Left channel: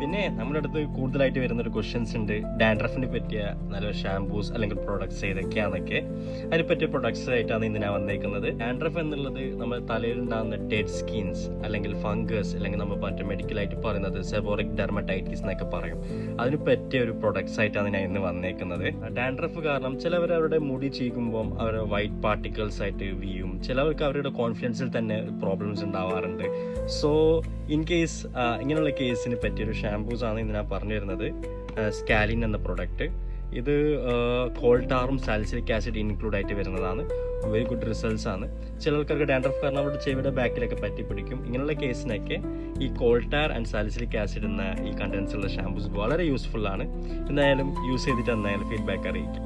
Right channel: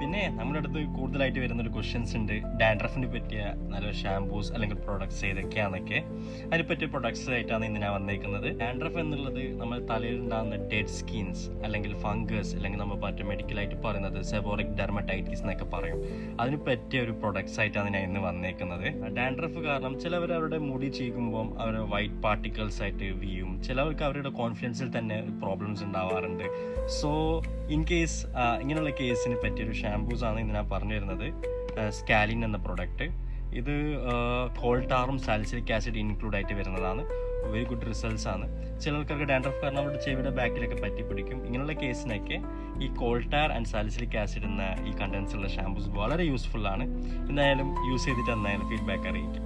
പിന്നെ നമ്മുടെ അടുത്ത് കൂടുതലായിട്ട് വരുന്നൊരു ക്വസ്റ്റ്യൻസ് ഉണ്ട്, ഡാൻഡ്രഫിനെ പറ്റിയ നല്ല ഷാംപൂസ് അല്ലെങ്കിൽ പ്രൊഡക്ട്സ് ഏതൊക്കെയാണെന്നൊക്കെ. അതിനെ പറ്റിയ പ്രൊഡക്ട്സ് ആയിട്ടാണ് ഇന്ന് ഞാൻ വന്നേക്കുന്നത്. ഡാൻഡ്രഫ് എന്നുള്ളത് നമ്മുടെ തലയിലുണ്ടാകുന്ന ഡെഡ് സ്കിൻസ് അല്ലെങ്കിൽ ഫംഗസ് അല്ലെങ്കിൽ നമ്മൾ മറ്റേ മെഡിക്കലായിട്ട് പറയുന്നത് സെബോറിക് ഡെർമറ്റൈറ്റിസ് എന്നൊക്കെ പറയും. അതിന് പറ്റിയ ഒരു പ്രൊഡക്ട്സ് ആയിട്ടാണ് ഞാൻ ഇന്ന് വന്നേക്കുന്നത്. ഡാൻഡ്രഫ് കാരണം ചിലവർ അവരുടെ മുടി ചീകുമ്പോൾ അവർ വൈറ്റ് പാർട്ടിക്കിൾസ് ആയിട്ട് വീയും, ചിലവർക്ക് അവരുടെ കോൺഫിഡൻസിൽ തന്നെ പ്രോബ്ലംസ് ഉണ്ടാവാറുണ്ട്. സോ ഇൻ കേസ് ഇങ്ങനെയുള്ള കേസിന് പറ്റിയൊരു ഷാംപൂസ് ആണ് ഇന്ന് ഞാൻ പറഞ്ഞു തരുന്നത്. സ്കാലിൻ എന്ന പ്രൊഡക്റ്റ്, ഇത് കോൾട്ടാറും സാലിസിലിക് ആസിഡ് ഇൻക്ലൂഡ് ആയിട്ട് വരുന്നതാണ്. വെരി ഗുഡ് റിസൾട്ട്സ് ആണ്. ചിലർക്കൊക്കെ ഡാൻഡ്രഫ് കാരണം അവരുടെ ചെവിയുടെ ബാക്കിലൊക്കെ പറ്റി പിടിക്കും. ഇങ്ങനെയുള്ള കേസിനൊക്കെ ഈ കോൾട്ടാർ ആൻഡ് സാലിസിലിക് ആസിഡ് എന്ന ഈ കണ്ടൻസ് ഉള്ള ഷാംപൂസ് വളരെ യൂസ്ഫുൾ ആണ്. എന്തായാലും യൂസ് ചെയ്തിട്ട് എന്തായാലും ഫീഡ്ബാക്ക് അറിയിക്കും.